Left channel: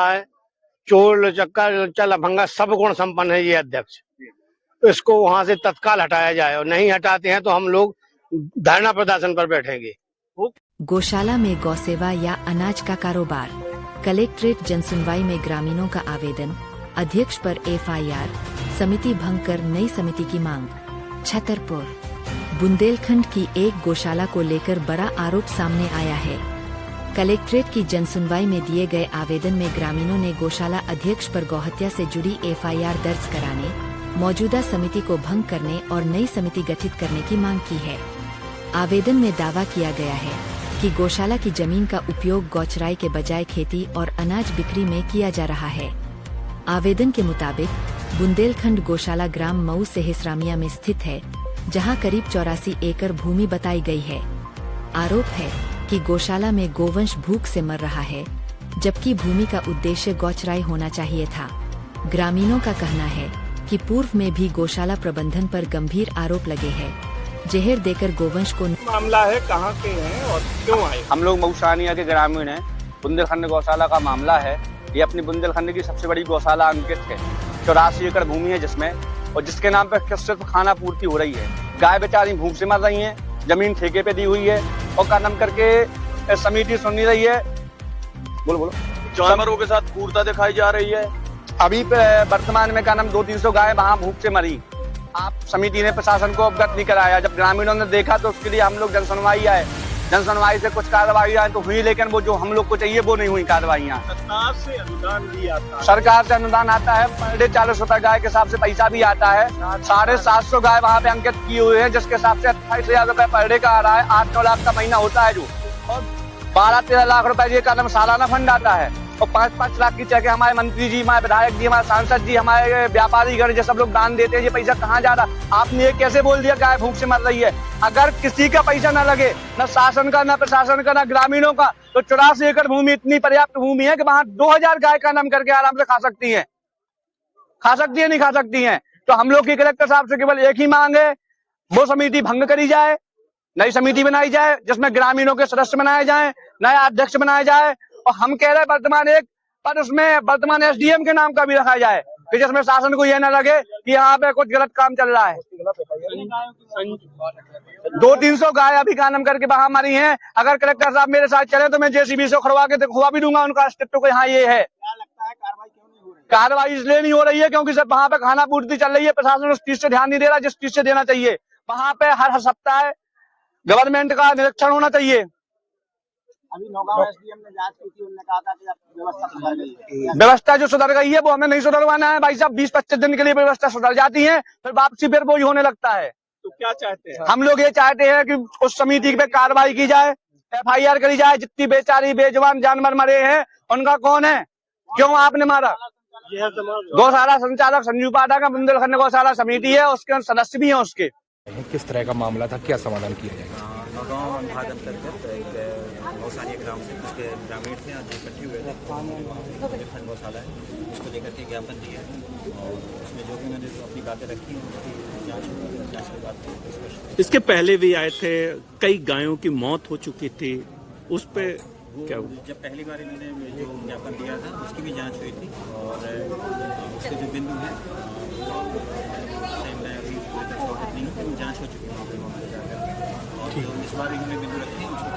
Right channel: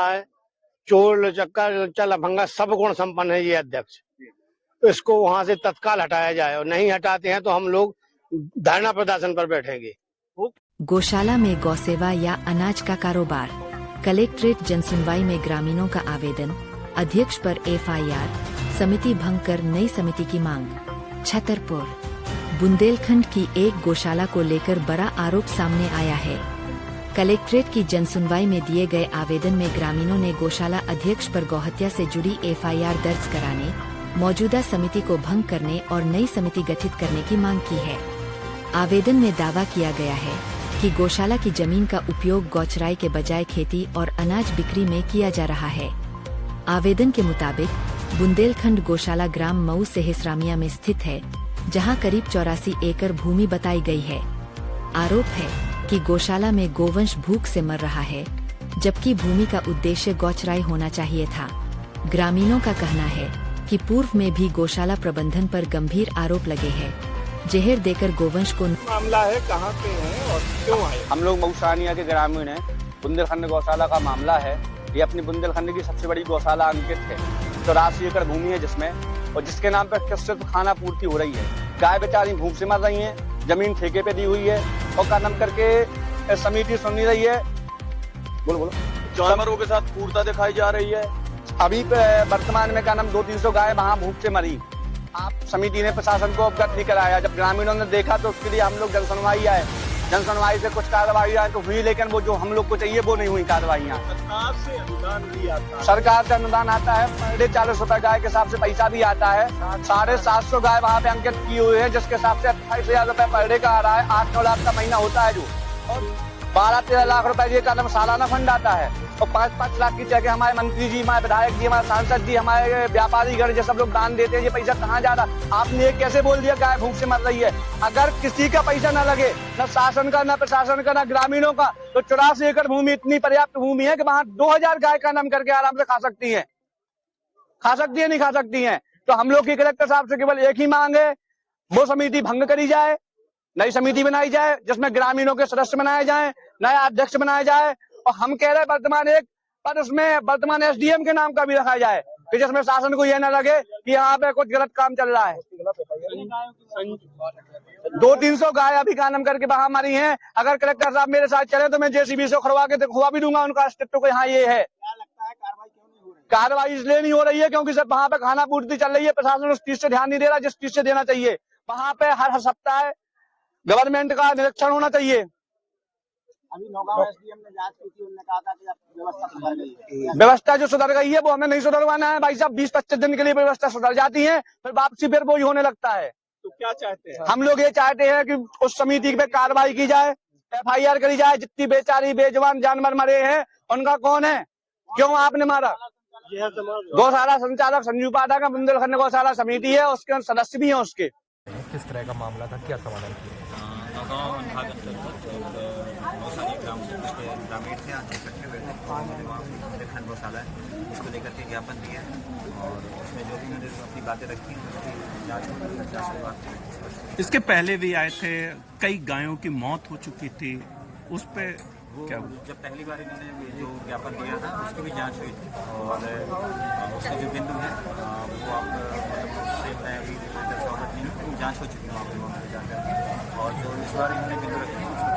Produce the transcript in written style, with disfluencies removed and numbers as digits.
है, चोर लचक्का लुच्चा लफंगा सब गुण संपन्न है ये अध्यक्ष। तो इसको वहां से तत्काल हटाया जाए, और नहीं हटाते हैं तो हम लोग धरना प्रदर्शन पर बैठेंगे। गौशाला में गौसेवा या अनाज का कारोबार, कलेक्ट्रेट जनसुनवाई में ग्रामीणों का आवेदन, अध्यक्ष पर एफआईआर, समिति भंग कर नई समिति की मांग। छतरपुर बुंदेलखंड की एक गौशाला को लेकर बड़ा आरोप सामने आया है। कलेक्ट्रेट की जनसुनवाई में दिए गए आवेदन में ग्रामीणों ने गौशाला अध्यक्ष पर गौहत्या से जुड़ी एफआईआर दर्ज कराने, मौजूदा समिति को भंग करने और नई समिति गठित करने की मांग की है। आवेदन में दावा किया गया है कि गौशाला की जमीन का उपयोग गौचराई के बजाय खेती और अनाज बिक्री में किया जा रहा है। आवेदन के मुताबिक बुंदेलखंड गौशाला ग्राम मऊ सेहसरामिया में स्थित है, जहां करीब 84 एकड़ भूमि बताई गई है। आरोप है कि गौशाला में गोवंश भूख से मर रहा है, जबकि भूमि का उद्देश्य गौचराई होना चाहिए था। ग्रामीणों का कहना है कि पूर्व में भी गौशाला प्रबंधन पर गंभीर आरोप लगे हैं। जहर देकर गोवंश को मामला है, कहाँ के हैं और क्यों है? हम लोग मऊसानिया के ग्रामीण हैं। बुंदेलखंड गौशाला का मामला है। ये अपनी बुंदेलखंड की सबसे बड़ी गौशाला अंकित है। 84 एकड़ भूमि है जिसमें, और जिसके नाम पर सिर्फ खाना पूर्ति हो रही है। गाय बेचारी भूख से मर रही है, जमीन ठेके पे दी हुई है, और कदम करके समिति सुन नहीं रही है। बोलो जानवरों के साथ क्रूरता दिखाई जा रही है। अभी वर्तमान में कदम 200-300 गाय वहाँ भूख से मरी। आप समिति ने प्रशासन को अवगत नहीं कराया। जब ग्रामीणों ने देखा तो उसके लिए हम लोग जनसुनवाई आए। जनसुनवाई से कुछ कार्रवाई आए तो हुई, लेकिन वो जो हम लोग को चाहिए वो नहीं हुई कार्रवाइयाँ। सरकार से अनुदान आता है, पर डे 40 रुपए गाय के हिसाब से पैसा भी आता है। 750 गाय वहाँ पे अंकित की हुई है, जिसके हिसाब से 28,000 रुपए पर डे का आ रहा है। 8-9 लाख का महीना होता है, जो 12-13 लाख रुपए ये कदम सालाना फंड आता है। और 5-5 लाख की चेक हमारे मंत्री जी, हमारे विधायक जी, हमारे सांसद जी, हमारे व्यापारी गण जो सब लोग दान देते हैं। ये पैसा कहाँ जा रहा? आपने ये कैसे बोल दिया गाय भूख से मर रही है? अगर किसी का पैसा न लगे, न शासन का, न प्रशासन का, न ग्रामीणों का, तो 84 एकड़ भूमि इतनी पर्याप्त भूमि है कि वहाँ 2000 गाय का नाम करके आराम से खा सकती है। नहीं खा सकती है। तो हम लोग की कलेक्टर साहब से केवल एक ही मांग है, वो समिति भंग करी जाए, नई समिति बनाई जाए, जिसमें ग्रामीणों के सदस्य बनाए जाए, नया अध्यक्ष बनाया जाए। और हम कह रहे हैं वर्तमान एक पर उसमें वर्तमान एसडीएम के नाम का भी रखा जाए, कि जिसमें शासन को यह न लगे कि यहाँ पे कुछ गलत काम चल रहा है। 200-300 गाय अभी का नाम करके वहां मरी हैं। अगर कलेक्टर साहब मेरे साथ चले तो मैं जेसीबी से खड़वा के दिखवा भी दूंगा उनका अस्तित्व को। यहाँ ये है कार्रवाई इसलिए नहीं हो रही है क्योंकि सब वहाँ पे खाना पूर्ति चल रही है। प्रशासन उस चीज से ध्यान नहीं दे रहा जिस चीज से देना चाहिए। वहाँ पे हर सप्ताह गवर्नमेंट का निरीक्षण होना चाहिए। अभी नौगांव एसडीएम ने जांच की थी, उन्होंने कहा था कि अब व्यवस्था सुधर गई है। व्यवस्था जो सुधर गई है वो हमें नहीं सुधरवाना है भाई साहब। 20-25 दिन के लिए व्यवस्था सुधर जाती है, फिर वापसी फिर वो ही होने लगता है। तो क्या चाहते हैं? हम लोग ये चाहते हैं कि उस समिति पे कार्रवाई की जाए, एफआईआर करी जाए। जितनी बेचारी बेजवान जानवर मरे हैं उनका कौन है, क्यों आपने मारा? गौशाला संचालक संजू पाठक का बुंदेलखंड गौशाला समिति है, उसके सदस्य भी हैं उसके। किस तरह का मामला था, क्या समाधान किया गया? नौगांव अनुभाग अंतर्गत एक मौसानिया ग्राम से कुछ ग्रामीण थे, आज इकट्ठे हुए थे। तो उन्होंने वहाँ बुंदेलखंड गौशाला है उसको लेकर के ज्ञापन दिया है, और उसमें जो भी उन्होंने अपनी बातें रखी हैं उसकी जाँच होगी। जाँच के बाद स्पष्ट। इसके पहले भी आए थे, कई गायों की मौत हो चुकी थी, उस पे क्या हुआ? जब पहली बार इन्होंने जो ज्ञापन दिया था उसकी भी जांच हुई थी, और उसके जो बिंदु हैं वो आप मतलब उससे मैं अभी कोई अवगत नहीं हूँ, लेकिन जांच हो चुकी है वहाँ पे मौके पर जाकर के। और जो इस बार इन्होंने बिंदु रखे हैं उसकी